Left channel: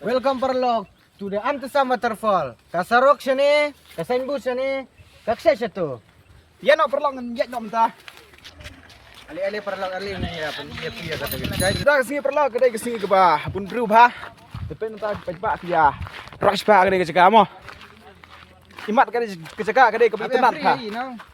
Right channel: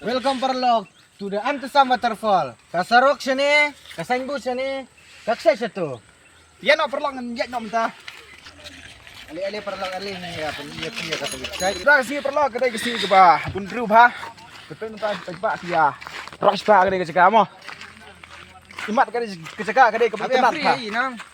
Welcome Parlok to the Antusam Waterfall. Kasarok sini, kasainbu sini, kaksay siya to. Yan o, perlang ngejek no minta. Ali-ali Parlok ali ya penyiap-siap kata gitu. Kita kasi perlang kedai kasi ke ba. Bundru ba. Betul minta kejebak kia. Rush ba kedai keceka mo. Imat kedai keceka kedai kebetulan ba.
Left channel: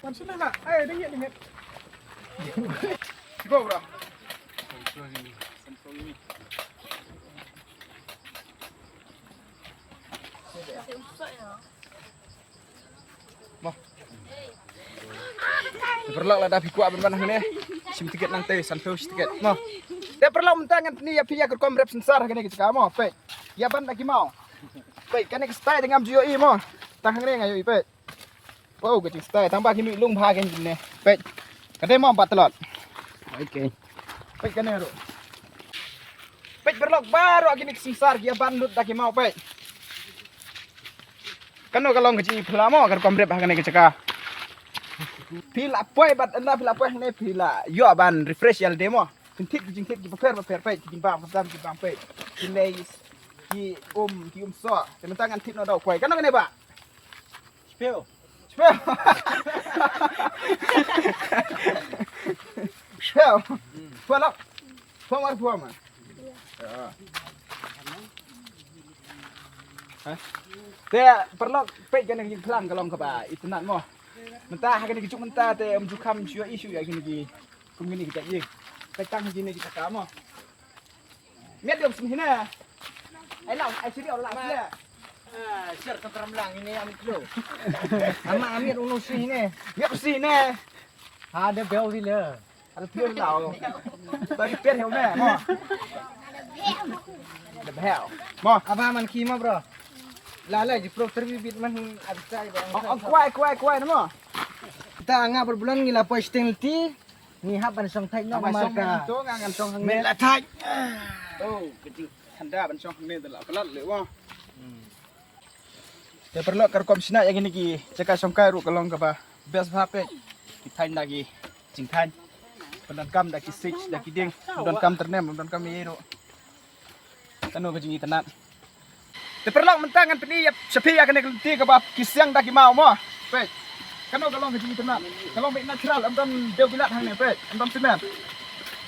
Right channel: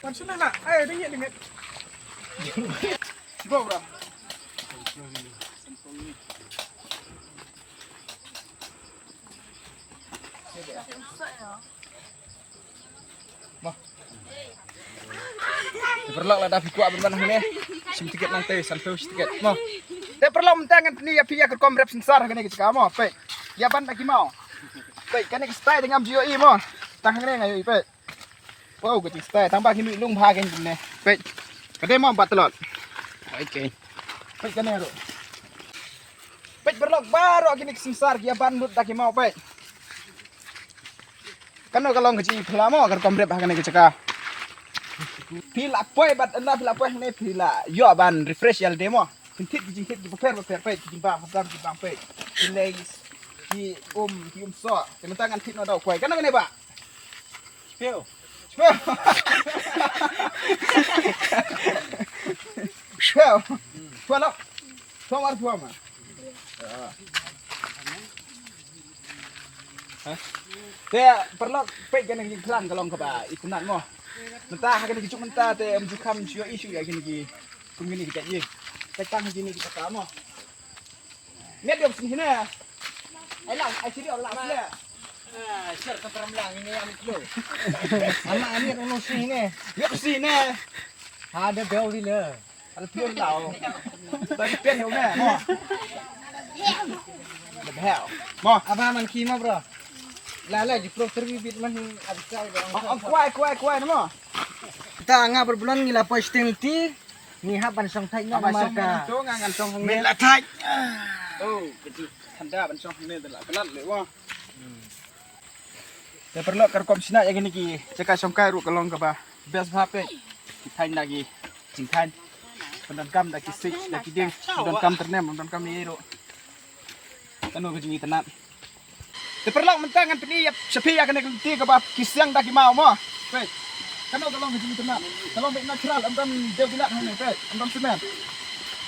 Wan sana nak. Ayo dengit dengit. Go bro. Perlok lah dah kuat beban ni. Sim tiket nang teh sanfeu tiket. Mo. Te perlok mentangan ni ya pia ke komrep sensar kene ke kamu. Pe. Ya ban lagi mau. Pe kene ke stay dengan GOE mo. Tang ngene ngayo pe. Wow ke stay tambah kini lung bha kan ni. Pe. Kene mau 4 telot. Okey. Pe kene ro. Pe perlok baru kini sensar ya ban lut lagi mau pe. Kano kalong ke pelamo ke komrep kene ke ceka. Pila poy bat anda pila poy ne pila yo ban refresh yal demo pintit jingkit di paper pe timbang padam timbang pe pilais ki so tementangan tit no dau poy kan ngene ba speo pala pomar poma te perlu pe kan yang plan kalong ka ba itunan mo mentah akan dicucuk mentah te menjukam sio isu ya gini gini kita ye petang gini kita kamu lihat dia sini na ai lau ai sini olah dia Sir keperamlang ini yang lo. Ama amir uno sini. ya ke sini Ada bel di le. ada pion lau bagi pion heu na mo ada hell mo Apa man kima bro? Lala di pro terbibit man abisai bang. kuai na mo Kita nga berbulan ngila po stilti ni haban song thai no abang song marka. cho ngangan song hang Mel ne atai. oh kecil handa ban song hang ne la pelat le mo te perlu kerkom sina ya gini ki cekak song kai ru kalong ka ba best hape tain lagi jingkan pendan kam lagi six lagi ding pendan kam ternem pendan kam ni ru tanu ke jingi tenat te perlu mentangan peni sepi ya kene kelti ka ba kisyang daki mau mo pe kanu kalong ke jingi tenat kalong be natural amdan deu bilat hang ne pe amdan semen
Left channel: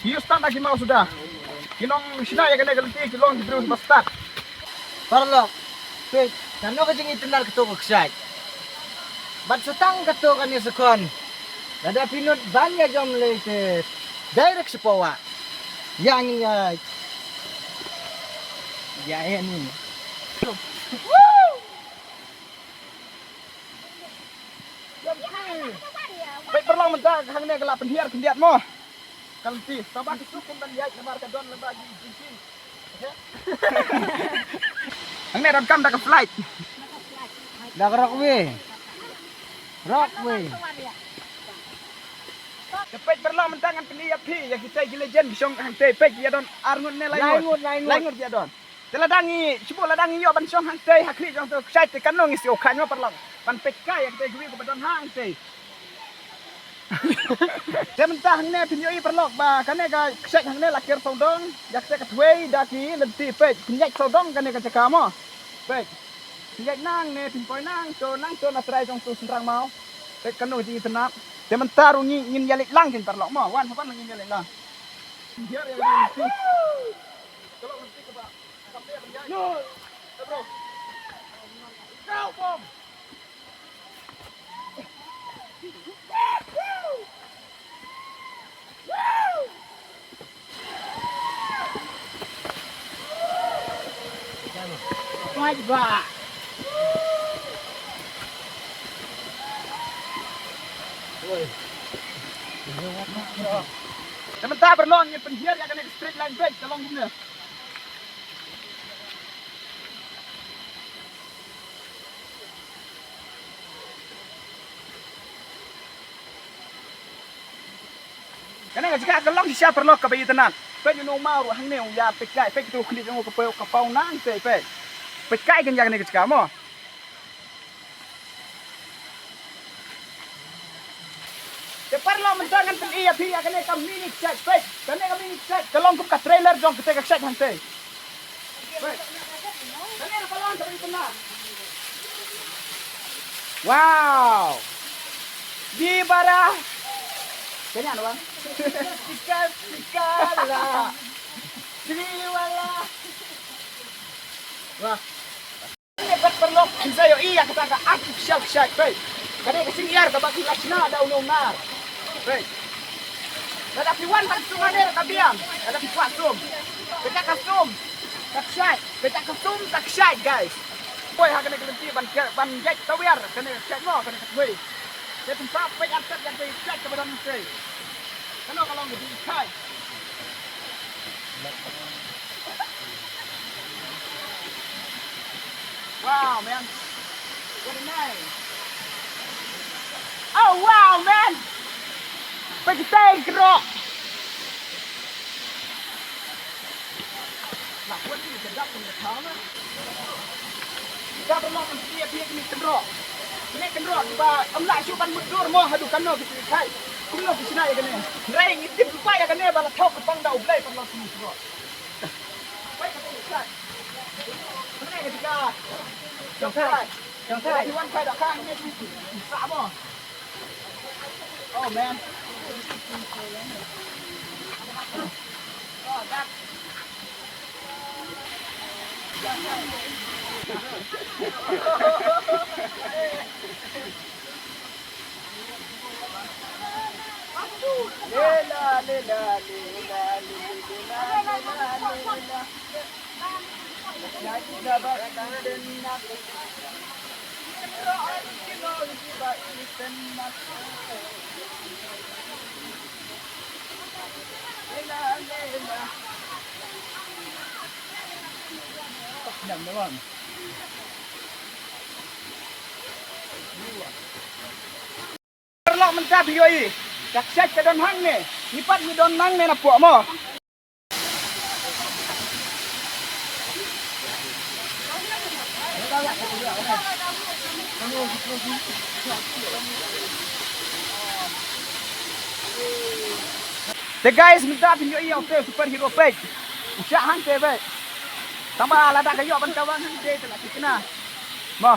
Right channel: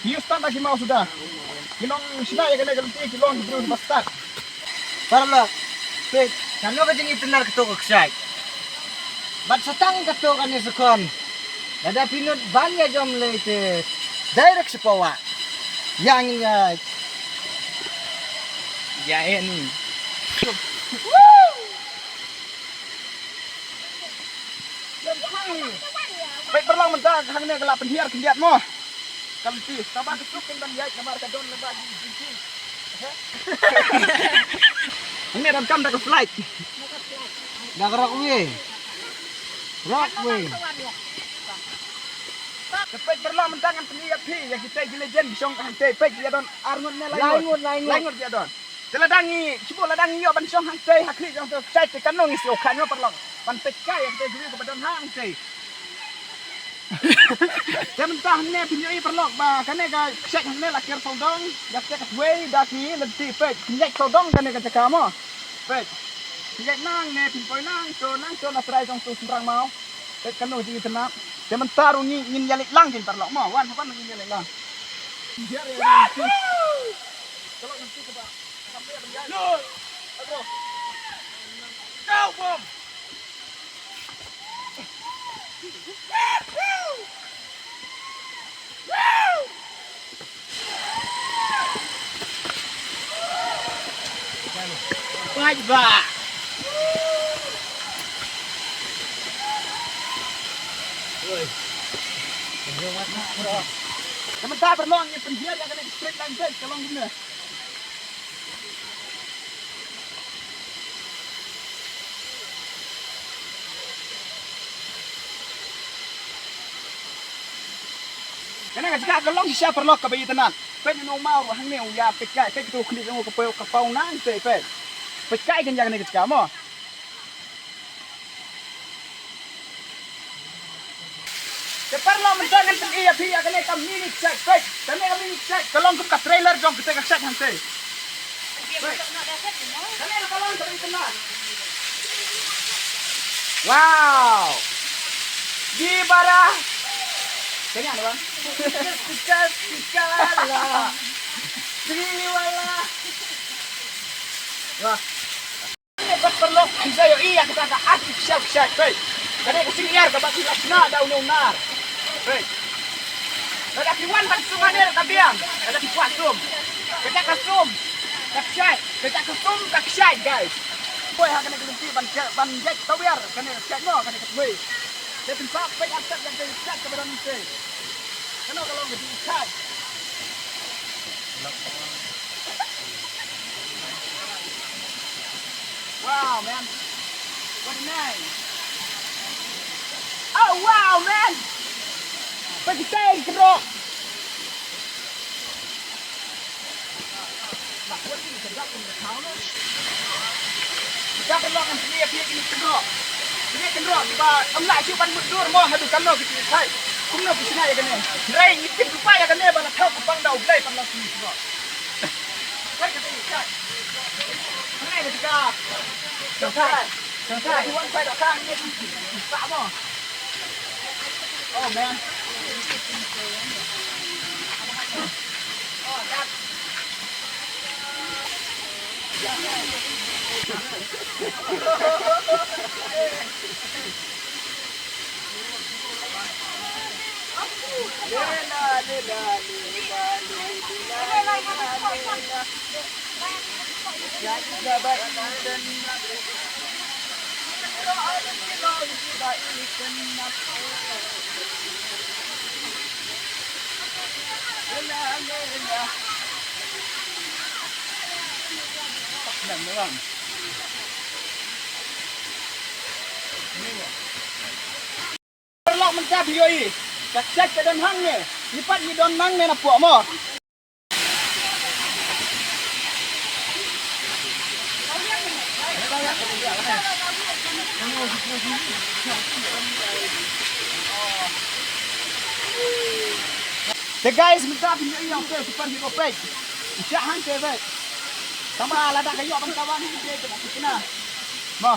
hiu stand lagi mau sudah kinong sina ya kene kelti kilong bro bastat Parlok. Wait, kano ka jing itinar keto kaksak. Bat setang keto kan ni sekon. Dada pinut banyak jom lete. Direct sa pawa. Yang ya ini baik perlang mentah hang ne gelap penhiar kendiat mo kalti sabah kesuk kan ban yai kamar ka don leba di jinci hang ne dan kam dak flight dah rock we. Rock we. kepek perlang mentah ngan penhiar pi ya kita legend bisong hang te pek dia don arngun ne laingut dia don Teladangi, cuba ladangi yo ban song hang te hakli jong tu cai te kanong isi okan yo perlang ban pek kai ya kita guri ko badon hang te Dia mentah ne pinjoi perlok ba kane ka sek hang ne lakir sodong yak sek way daki nanti pek pinjai sodong kane ka cekamo pek pinjai nang ne pinpoi nang to na trai jong tu senrang mau pek kanu ji tenap dia mentah rungi ngin yalik lang jing perlok mo wan apa ngin yalik lang dia re kalau nanti ke ba sampai pinjai bro go bom Baik ba. sementara berlong yang penjir yang kena straight line back tolong guna karena jika kelong siya perlok ka bayi tenan pe no mau hang ne ya pe kai pe tu khni jong ka pau nang pe kai kan yang ne ka mo Perlo mentangan ten iya pia kene ka mini check kene ka mini check kelong ka trailer jong kita ka check hante tenang. Wow. Gibara. Ganyan, bang. Kala. Siliwala. Wah. Ini perlu saya iya kita ka artificial shot, baik. Kada kasing yar ka baki lasna daw no nar. Baik. Kada piwan ban sumaner kabiang. Kada piwan sum. Kita kasum. Takshay. Kita kasum takshay, guys. Boy ha kana kementi ban jet tawir kana check mo kana katwe. Dia pensap baik atas yang dia check ke badan mesti. Kana kalau ngedi chay. Wow, man. What a name. Oh, wow, man. Pagkitay, kerok. Nah, buat ini sedap punya kamu. Kita perlu kan dia ini kerok. Ini kerok, tiba nak cuban mundur mau hadu kamu gitu. Hai, kumno kisna ya kan. Rain itu supaya kan dia bala tahu kupang dah ublay perlu sini kerok. Hai, kata ini, cai. Ini dia. Sampai tuan saya dah kang ni tak apa. Oh man. Oh that. Senang memang. Perlu mencap yoi. Kaksak ke don hang ni. Lipat ni don nang ni napuk mo. The guys minta video ini oke superhero page. Usah hang tebe. Tambah lada kayu ban kawan dia tu nak kena. Mo.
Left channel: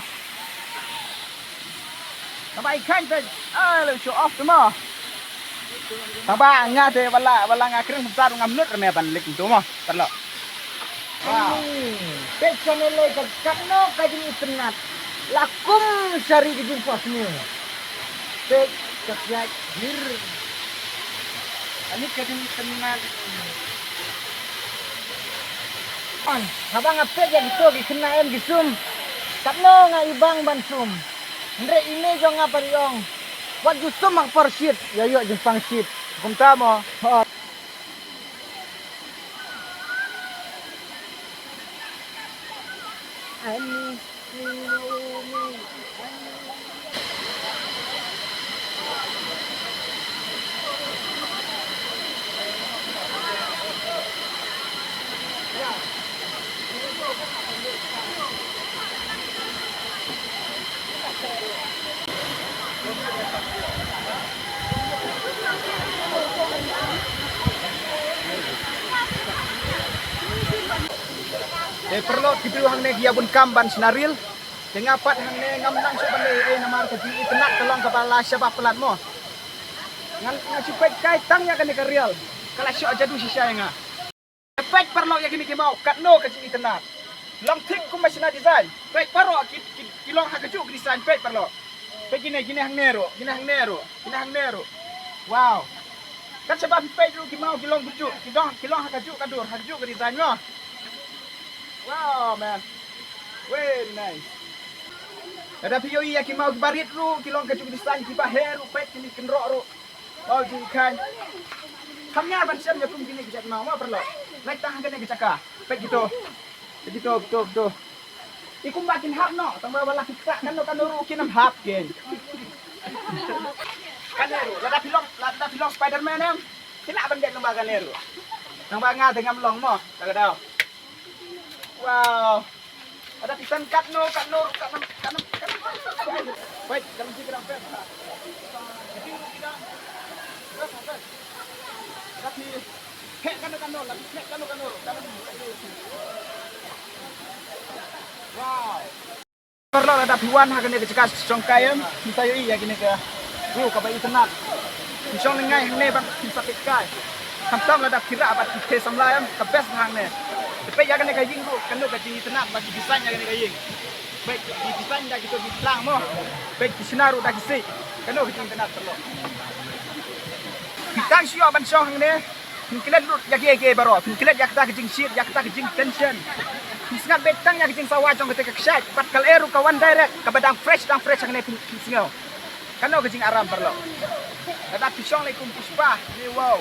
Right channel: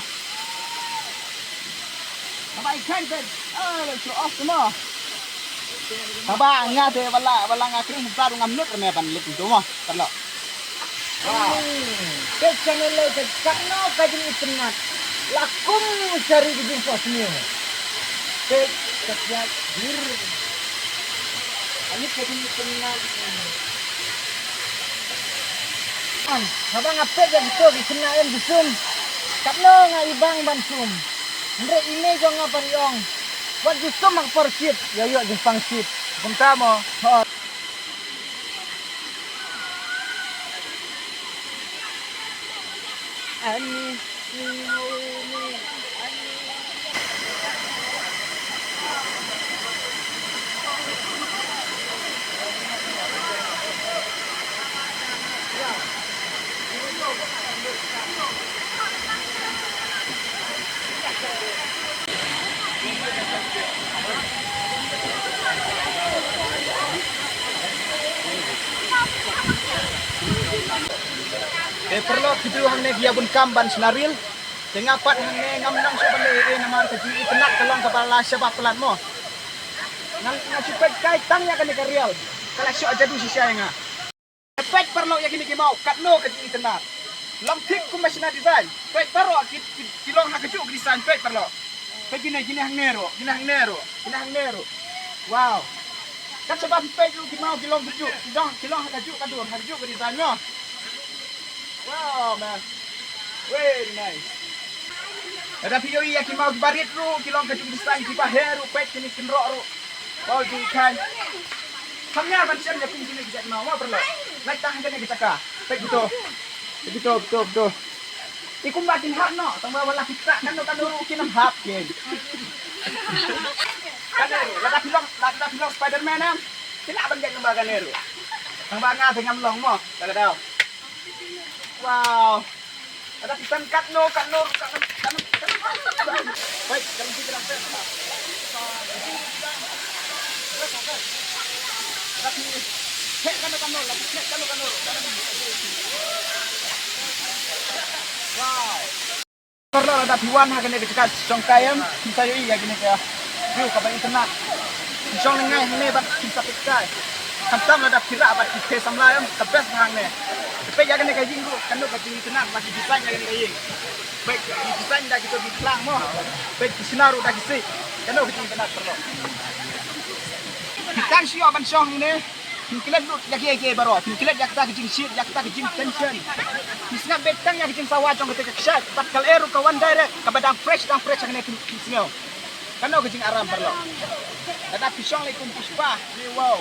Tambah ikan tu. Let show off semua. Tambah ngah te bala ngakring besar ngam lut rame ban lik tu mo. Perlu. Wow. Pet channel le kakno kajin itnat. Lakum cari di jumpa sini. Pet subscribe dir. Ani kajin itnat. An, habang ngape jadi tu di senayan di sum. Kakno ngaibang ban sum. Ndre ine jo ngapariong. Wat ju sum ang porship. Yayo jempang ship. Kumta mo. Oh. Ani perlu kipiu hang ne dia bun kamban senaril. Dengapat hang ne ngam nang so ban le namar ke ji tenat kelong kepala sebab pelat mo. Ngan ngacipet kai tang ya kan ke real. Kala syo aja du sisa nga. Pet perlu ya kini mau kat no ke ji tenat. Long tik ku masina design. Pet perlu kilong hak keju design pet perlu. Pet gini hang nero, gini hang nero. Wow. Kan sebab pet ju mau kilong keju, kilong hak keju kadur, hak keju ke design mo. Wow, man. Very nice. Ada video iya ki mau barit ru, kilong keju design ki baheru pet kini kenrok ru. Oh, di ikan. Hamnya ban siam ya kum kini kita mau perlu. Naik tahan kene kita ka. Pet gitu. Betul. Ikum batin hak no, tambah wala kita kan ru kinam hap gen. Kan ada film Spider-Man em. Kina ban gen lembaga neru. Nang banga dengan long mo, tak tahu. Wow. Ada ikan katno. Baik, kalau kita dah set. Tapi hek katno. Perlu ada piwan hagan ke cekas songkayam kita yo iya gini ke view ka bai tenat song ngai ne bang kita pekai hantam ada kira apa kita samlayam the best hang ne pe ya gini ka jinggu kan ka jing tenat bagi desain ya gini ka jing baik di desain dah kita bilang mo baik di sinaru dah kisi kan ka jing tenat perlu kita sio aban song ne mungkin lut ya ke barot mungkin ya kita ke jing shit ya kita ke jing tension Misna betang yang kicing sawah jong ketika kesyat, batkal eru kawan direct, kabadang fresh yang nekin kisngau. Kano kicing aram perlo. Tetapi syong laikum puspa, wow.